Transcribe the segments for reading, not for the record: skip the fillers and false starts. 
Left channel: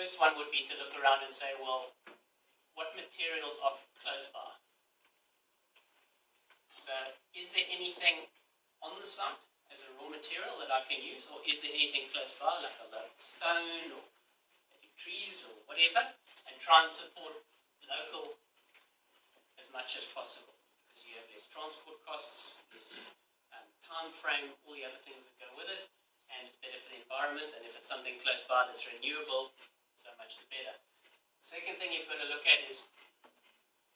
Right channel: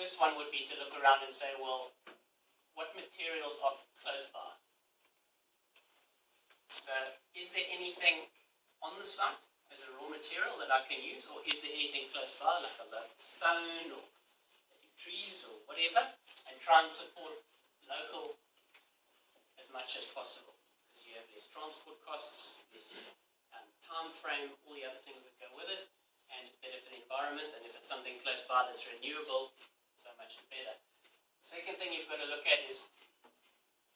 first one would be to look around and say, well, what materials are close by? So is there anything on the site as a raw material that I can use, or is there anything close by, like a local stone or trees or whatever, and try and support local as much as possible, because you have less transport costs, less time frame, all the other things that go with it, and it's better for the environment. And if it's something close by that's renewable, so much the better. The second thing you've got to look at is,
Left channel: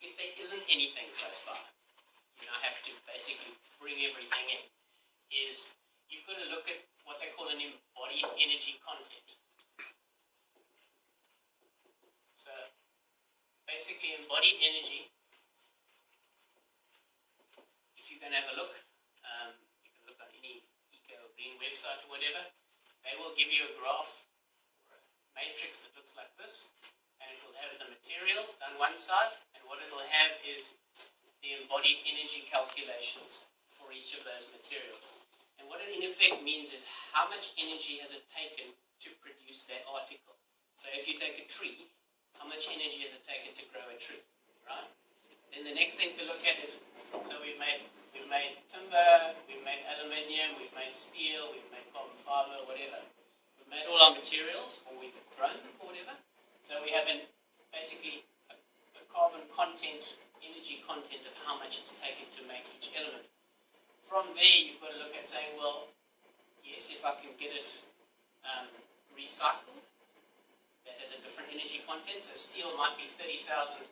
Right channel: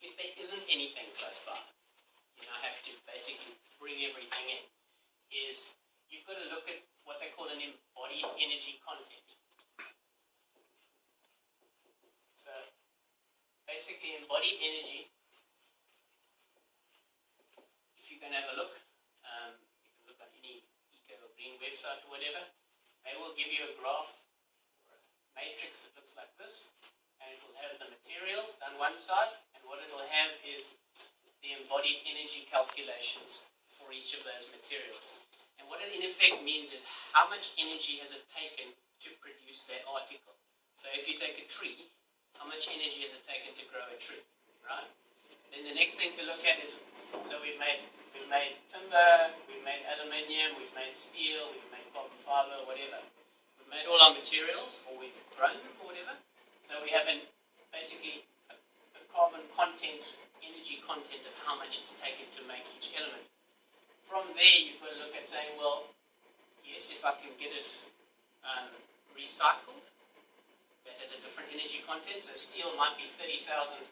if there isn't anything close by, I have to basically bring everything in, is you've got to look at what they call an embodied energy content. So basically embodied energy, if you're going to have a look, you can look on any eco or green website or whatever, they will give you a graph or a matrix that looks like this, and it will have the materials on one side, and what it will have is the embodied energy calculations for each of those materials. And what it in effect means is how much energy has it taken to produce that article. So if you take a tree, how much energy has it taken to grow a tree, right? Then the next thing to look at is, so we've made timber, we've made aluminium, we've made steel, we've made carbon fiber, whatever. We've made all our materials, or we've grown them, or whatever. So we have basically a carbon content, energy content of how much it's taken to make each element. From there, you've got to look at saying, well, yes, if I can get it recycled, that has a different energy content. So steel might be 30,000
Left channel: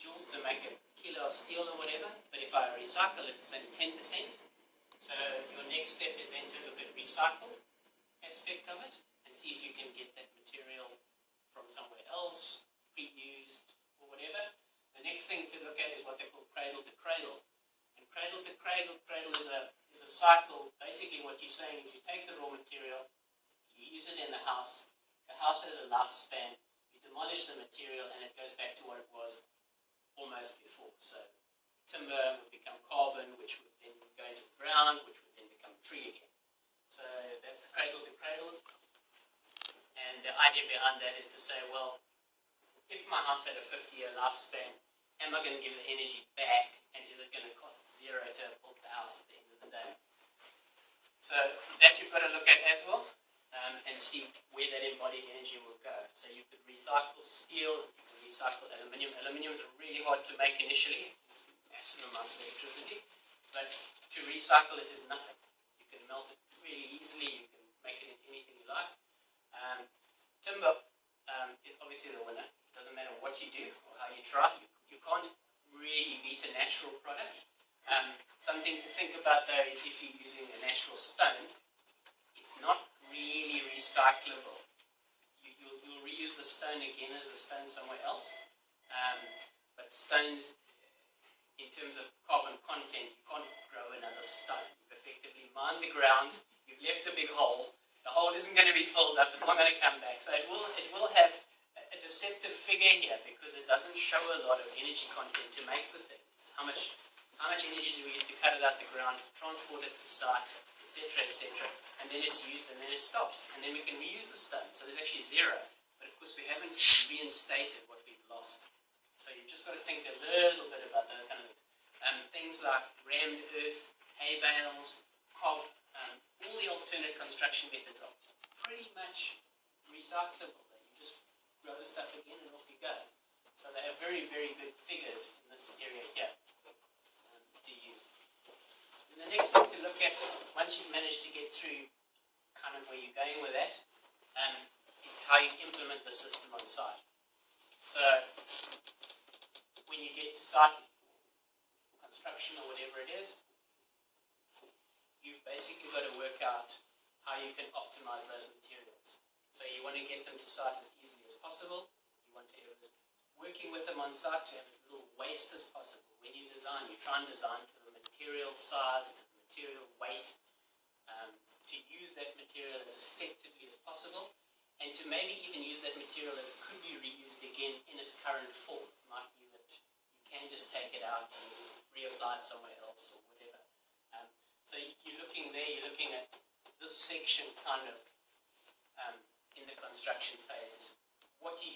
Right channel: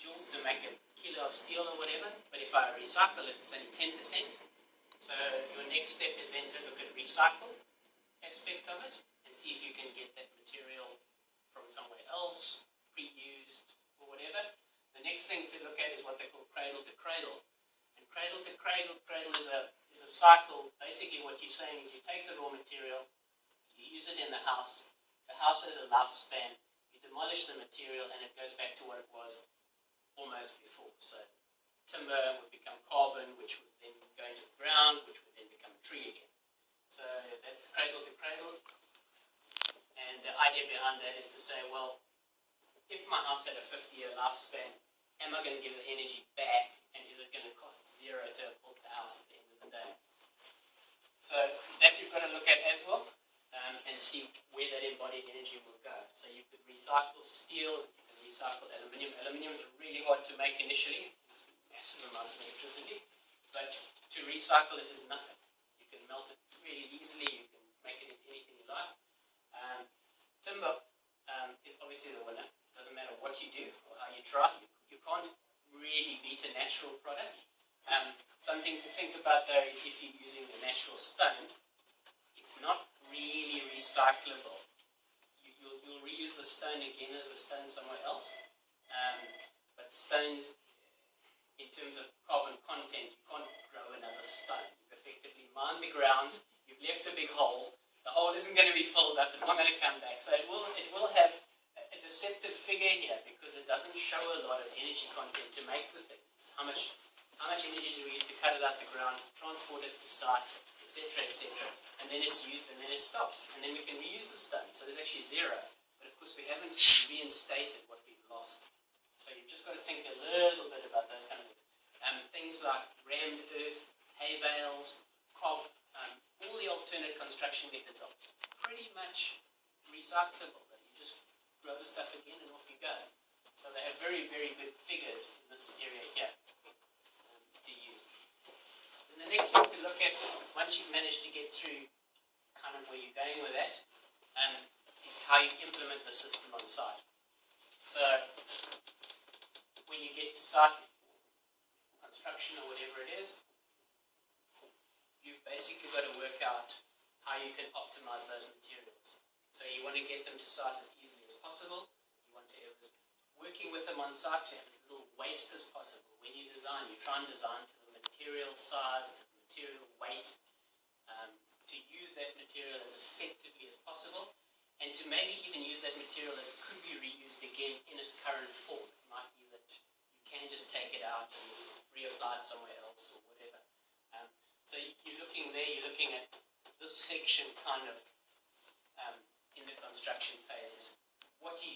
joules to make a kilo of steel or whatever, but if I recycle it, it's only 10%. So your next step is then to look at recycled aspect of it and see if you can get that material from somewhere else, pre-used or whatever. The next thing to look at is what they call cradle to cradle. And cradle to cradle is a cycle. Basically what you're saying is you take the raw material, you use it in the house has a lifespan, you demolish the material and it goes back to what it was almost before. So timber would become carbon, which would then go into the ground, which would then become a tree again. So that's cradle to cradle. And the idea behind that is to say, well, if my house had a 50-year lifespan, am I going to give the energy back, and is it going to cost zero to have built the house at the end of the day? So that you've got to look at as well, and see where that embodied energy will go. So you could recycle steel, you can recycle aluminium. Aluminium is really hard to make initially, it's massive amounts of electricity, but to recycle it is nothing. You can melt it really easily, you can make it into anything you like. Timber is obviously the winner. Doesn't matter what you do or how you try, you can't really beat a natural product. Something to think about though is if you're using a natural stone, it's not really recyclable. You'll reuse the stone again as a stone somewhere else, but stones, in terms of carbon content, you can't grow another stone. You've effectively mined the ground, you've left a big hole, the hole isn't going to be filled up, it's not going to come back. So it will have a deceptive figure here because it doesn't show a lot of energy content to make the thing. How much energy do we use to cut it out the ground, transport it to site, etc., etc., and then it's used and then it stops, and then we can reuse the stone. So there's actually zero, but of course we haven't reinstated what we've lost. So you've just got to think a little bit about those kind of things. Things like rammed earth, hay bales, cob, all the alternate construction methods are pretty much recyclable. You just grow the stuff again and off you go. So they have very, very good figures in this area here to use. And the next thing to look at, once you've managed to get through kind of where you're going with that, is how you implement the system on site. So when you get to site, construction or whatever it is, you've basically got to work out how you can optimize those materials. So you want to get them to site as easily as possible. You want to have working with them on site to have as little waste as possible. When you design, you try and design to the material size, to the material weight, to use that material as effectively as possible, and to maybe even use that material that could be reused again in its current form. It might be that you can just take it out and reapply it somewhere else or whatever. So you're looking there, you're looking at this section kind of in the construction phase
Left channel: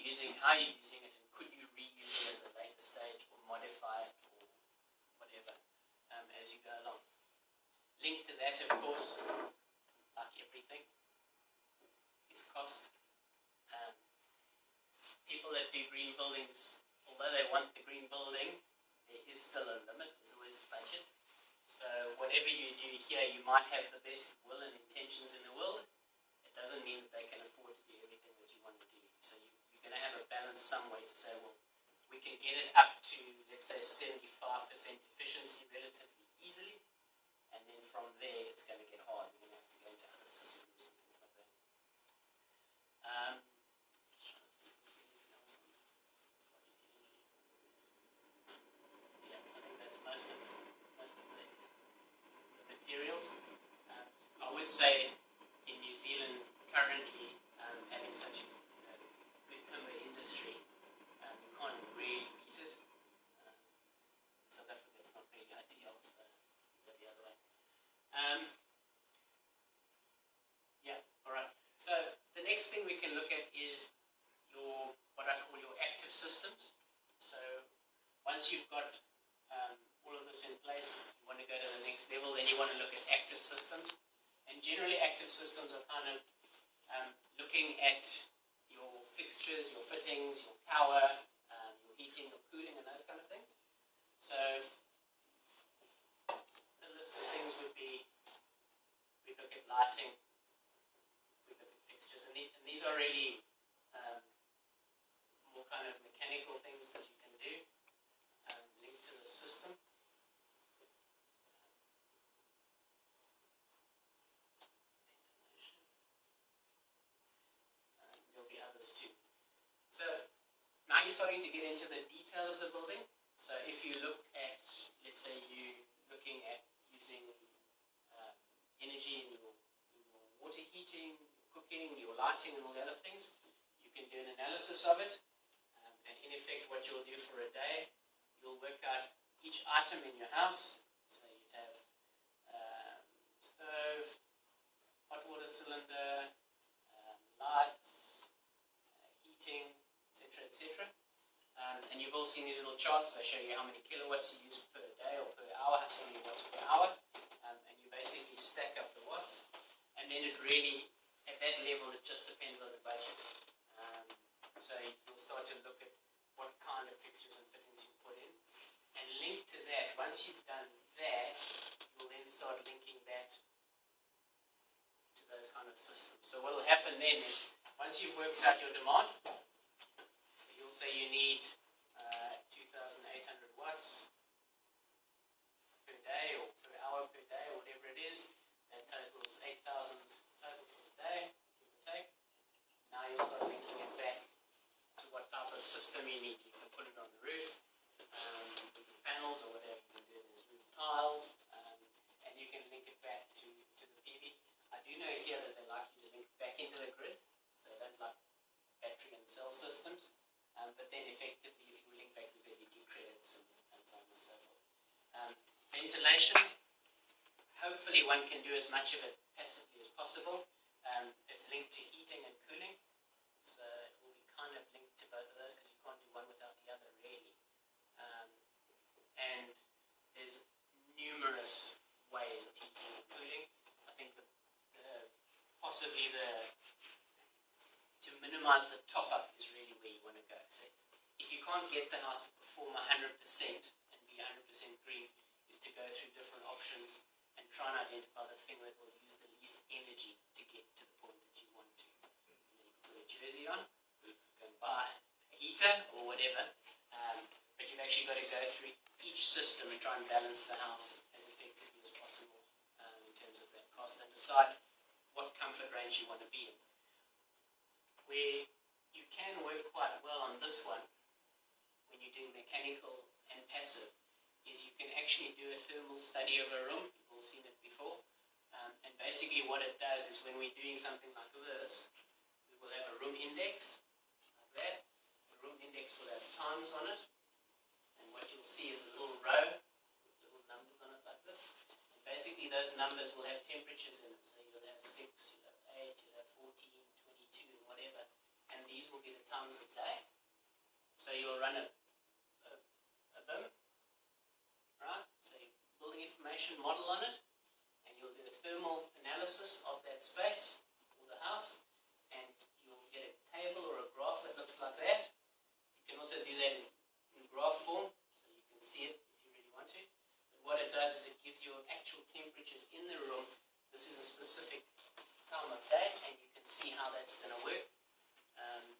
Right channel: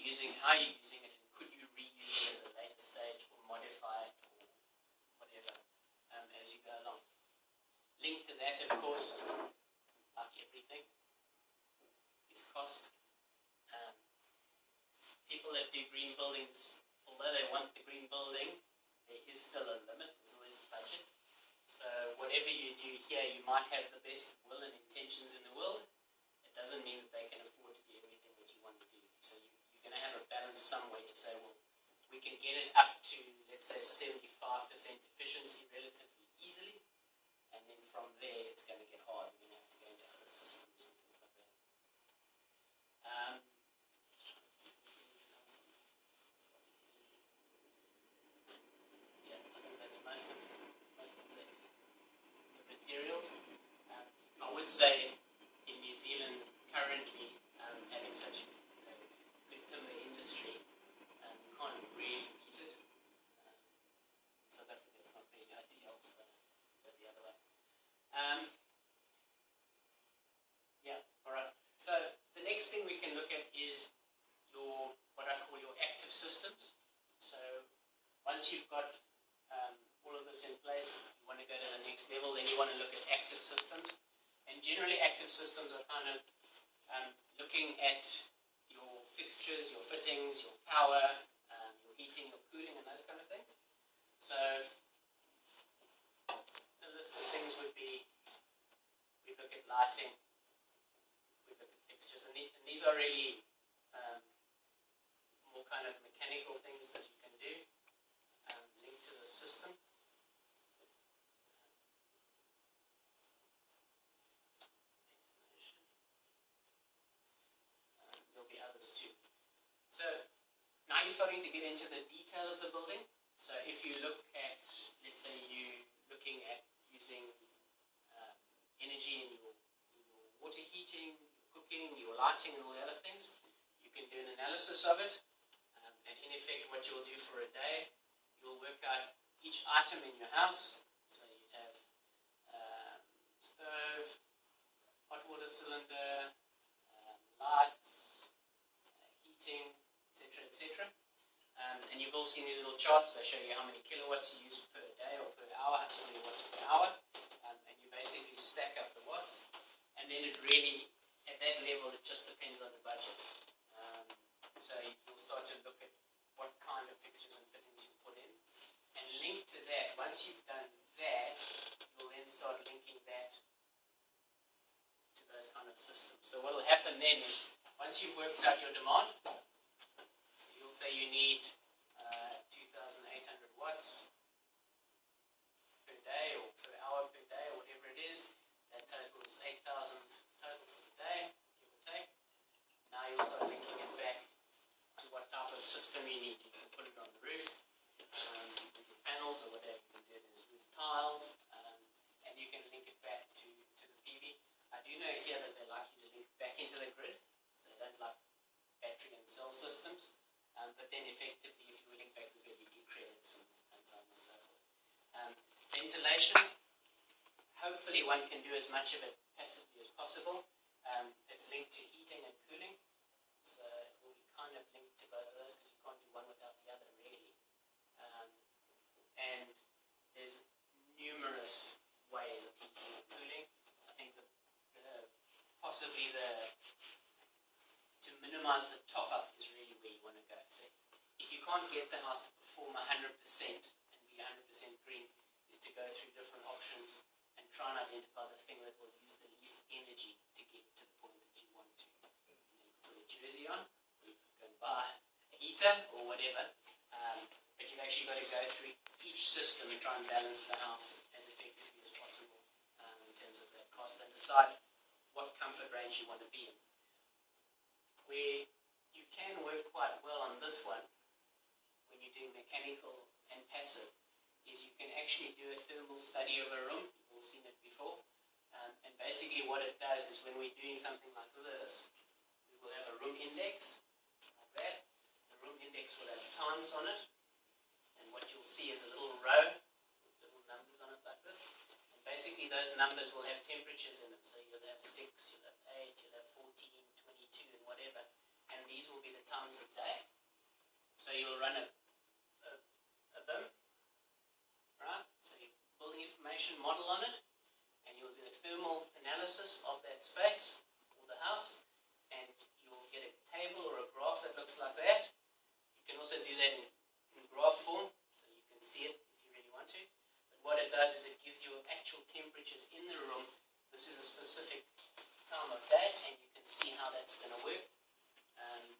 using, how you're using it, and could you reuse it at a later stage or modify it or whatever as you go along. Linked to that, of course, like everything, is cost. People that do green buildings, although they want the green building, there is still a limit. There's always a budget. So whatever you do here, you might have the best will and intentions in the world. It doesn't mean that they can afford to do everything that you want to do. So you're going to have a balance some way to say, well, we can get it up to, let's say, 75% efficiency relatively easily. And then from there, it's going to get hard. We're going to have to go into other systems and things like that. Yeah, I think that's most of the materials. I would say in New Zealand currently, having such a good timber industry, you can't really beat it. In South Africa, it's not really ideal, so go the other way. Yeah, all right. So the next thing we can look at is your, what I call your active systems. So once you've got all of this in place, you want to go to the next level, then you want to look at active systems. And generally active systems are kind of looking at your fixtures, your fittings, your power, your heating, your cooling, and those kind of things. So a list of things would be, we look at lighting, we look at fixtures, and these are really more kind of mechanical things that you can do linked to the system. There'll be others too. So now you're starting to get into the detail of the building. So if you look at, let's say you looking at using energy in your water heating, your cooking, your lighting, and all the other things, you can do an analysis of it. And in effect, what you'll do for a day, you'll work out each item in your house. So you have stove, hot water cylinder, lights, heating, etc., etc. And you've all seen these little charts that show you how many kilowatts you use per day or per hour, how many watts per hour, and you basically stack up the watts. And then it really, at that level, it just depends on the budget. So you'll start to look at what kind of fixtures and fittings you put in. And linked to that, once you've done that, you'll then start linking that to those kind of systems. So what will happen then is, once you've worked out your demand, so you'll say you need 2,800 watts per day or per hour per day or whatever it is. That totals 8,000 total for the day, give or take. Now you'll start linking it back to what type of system you need. You can put it on the roof, with your panels or whatever you can do. There's roof tiles, and you can link it back to the PV. I do know here that they like you to link back into the grid. They don't like battery and cell systems. But then effectively, if you link back to the grid, you do credits and so on and so forth. Ventilation, hopefully one can do as much of it passively as possible. It's linked to heating and cooling. So it will be kind of linked to both of those because you can't do one without the other really. And there's numerous ways of heating and cooling. I think possibly to minimize the top-up is really where you want to go. So if you can't get the house to perform 100% and be 100% green, is to go through different options and try and identify the thing that will use the least energy to get to the point that you want to. And then you can put a jersey on, or you can go and buy a heater or whatever, but you've actually got to go through each system and try and balance the house as effectively as possible in terms of that cost, and decide what comfort range you want to be in. Where you can work quite well on this one, when you're doing mechanical and passive, is you can actually do a thermal study of a room. You've all seen it before. And basically what it does is when we're doing something like this, we will have a room index, like that. The room index will have times on it. And what you'll see is a little row with little numbers on it like this. And basically those numbers will have temperatures in them. So you'll have 6, you'll have 8, you'll have 14, 22, and whatever. And these will be the times of day. So you'll run a BIM, right? So you building information model on it, and you'll do a thermal analysis of that space or the house, and you'll get a table or a graph that looks like that. You can also do that in graph form, so you can see it if you really want to. But what it does is it gives you actual temperatures in the room. This is a specific time of day, and you can see how that's going to work.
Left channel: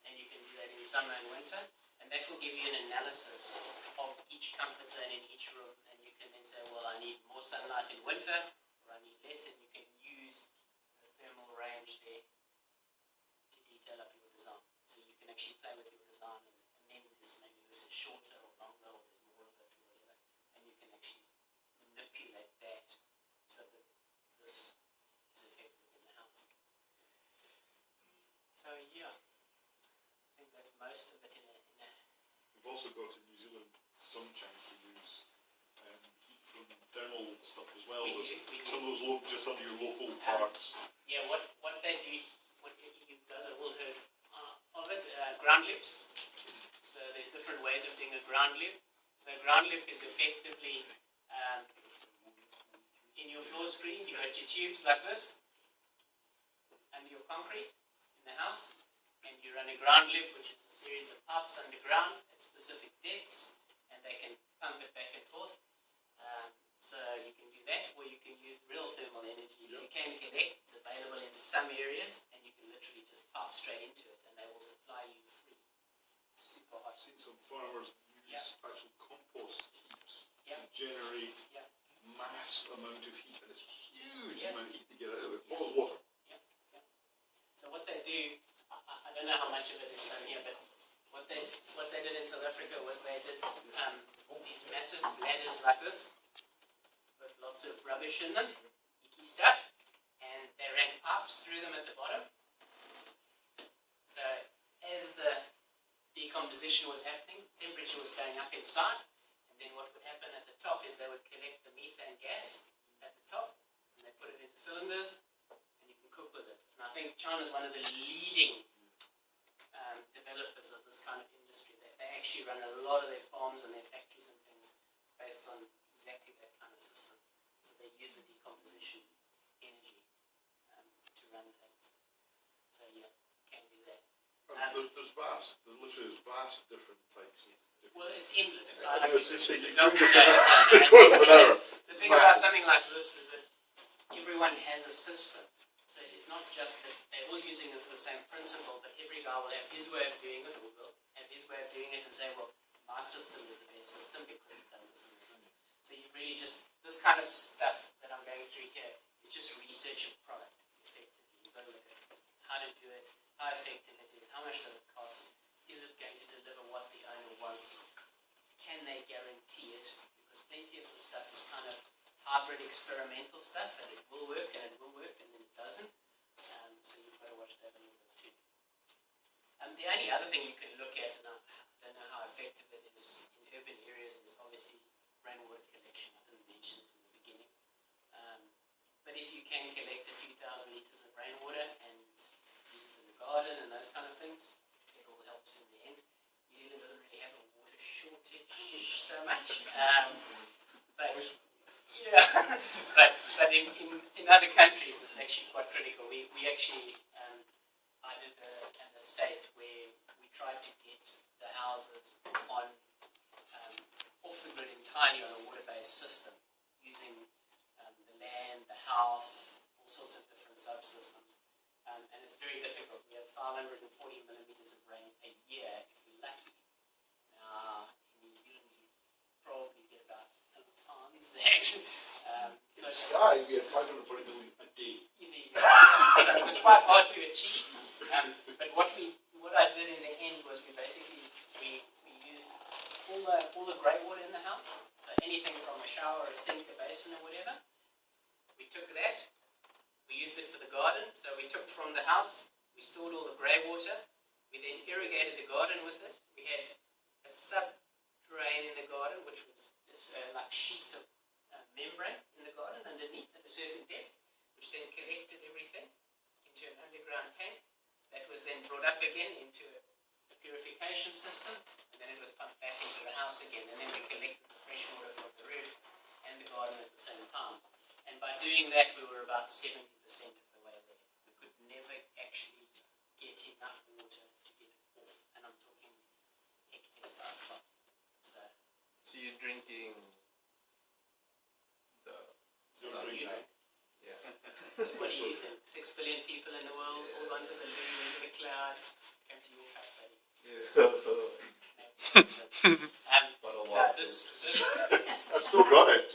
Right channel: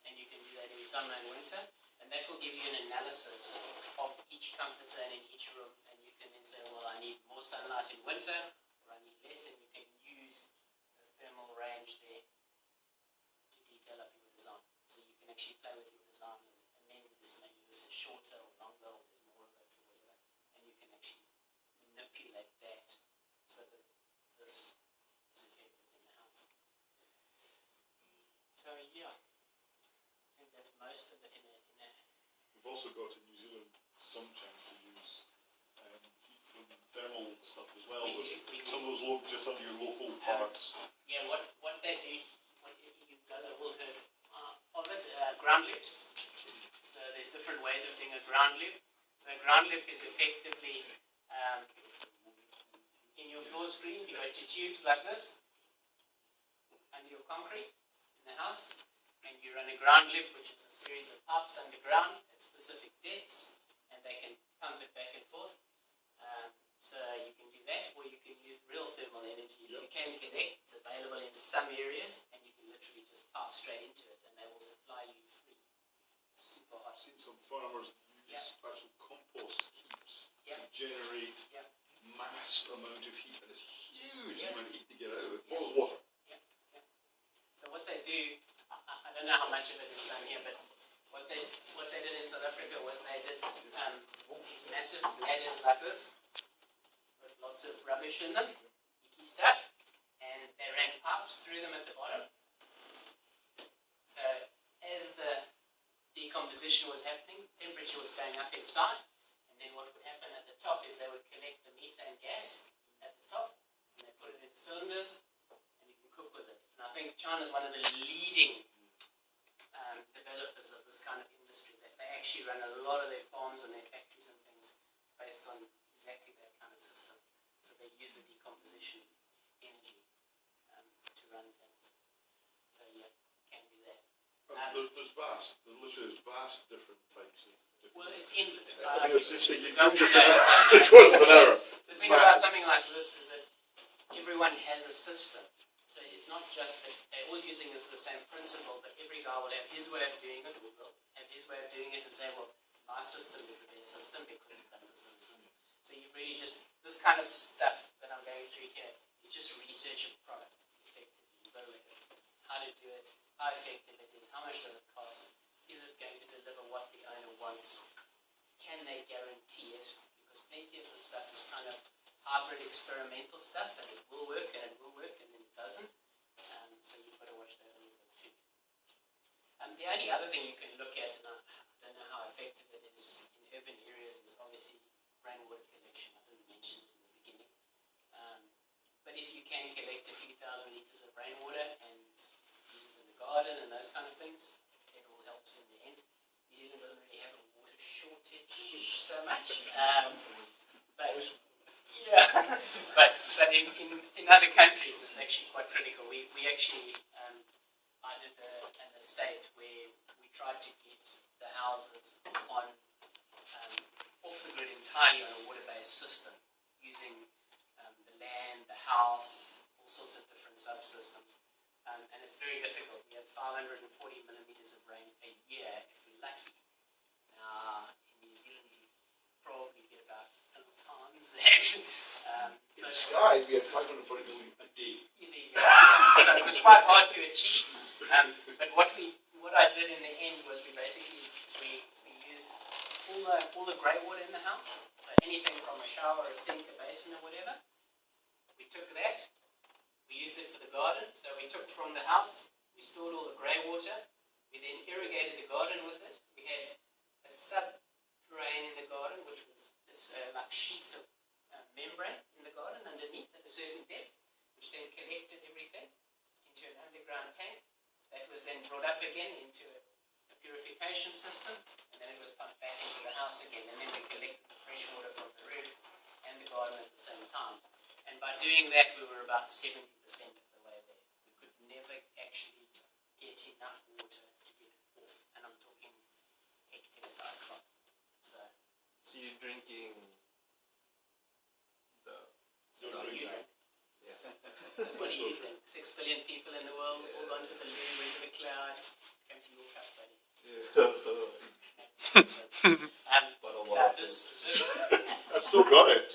And you can do that in summer and winter, and that will give you an analysis of each comfort zone in each room, and you can then say, well, I need more sunlight in winter, or I need less, and you can use the thermal range there to detail up your design. So you can actually play with your design and amend this, maybe this is shorter or longer, or there's more of it, or whatever, and you can actually manipulate that so that this is effective in the house. So yeah, I think that's most of it in a We've also got in New Zealand some chance to use heat from thermal stuff as well. We do. Some of those just under your local products. Yeah, what they do, what you guys have all heard of it, ground loops. So there's different ways of doing a ground loop. So a ground loop is effectively in your floor screen, you've got your tubes like this under your concrete in the house, and you run a ground loop, which is a series of pipes underground at specific depths, and they can pump it back and forth. So you can do that, or you can use real thermal energy. If you can connect, it's available in some areas, and you can literally just pipe straight into it, and they will supply you free. Super hot. I've seen some farmers use actual compost heaps to generate mass amount of heat, and it's huge amount of heat to get out of it. Boils water. So what they do, I don't know how much of it is done here, but what they did in South Africa was they did these massive ladders like this, with lots of rubbish in them, icky stuff, and they ran pipes through them at the bottom. So as the decomposition was happening, temperature was going up inside, and then what would happen at the top is they would collect the methane gas at the top, and they put it into cylinders, and you can cook with it. And I think China is one of the leading developers of this kind of industry. They actually run a lot of their farms and their factories and things based on exactly that kind of system. So they use the decomposition energy to run things. So yeah, can do that. There's vast different types of. Well, it's endless. The thing about something like this is that everyone has a system. So it's not just that they're all using the same principle, but every guy will have his way of doing it, or will have his way of doing it and say, well, my system is the best system because it does this and this and this. So you really just, this kind of stuff that I'm going through here is just research of product, effectively. You've got to look at how to do it, how effective it is, how much does it cost, is it going to deliver what the owner wants, can they guarantee it, because plenty of the stuff is kind of hybrid experimental stuff, and it will work and it will work and then it doesn't. So you've got to watch that a little bit too. The only other thing you can look at, and I don't know how effective it is in urban areas, is obviously rainwater collection. I didn't mention it in the beginning. But if you can collect a few thousand litres of rainwater and use it in the garden and those kind of things, it all helps in the end. New Zealand doesn't really have a water shortage so much. But in other countries, it's actually quite critical. We actually, I did an estate where we tried to get the houses on off the grid entirely on a water-based system, using the land, the house, all sorts of different subsystems. And it's very difficult. We have 540 millimeters of rain a year if we're lucky. Now, in New Zealand, you probably get about 10 times that. In the sky, we have 540 million a day. So it was quite hard to achieve. But what I did in the end was we used all the grey water in the house. So anything from a shower, a sink, a basin, or whatever. We took that. We used it for the garden. So we took from the house. We stored all the grey water. We then irrigated the garden with it. We had a sub-drain in the garden, which was like sheets of membrane in the garden underneath at a certain depth, which then collected everything into an underground tank that was then brought up again into a purification purification system, and then it was pumped back into the house again, and then we collected the fresh water from the roof and the garden at the same time. And by doing that, we were about 70% of the way there. We could never actually get enough water to get it off, and I'm talking hectare size plant. So you're drinking the... You're not doing that. Yeah. what do you think? 6 billion people in the world, all onto the moon, into the cloud, come to your cup, buddy. Yeah. This I've still got it.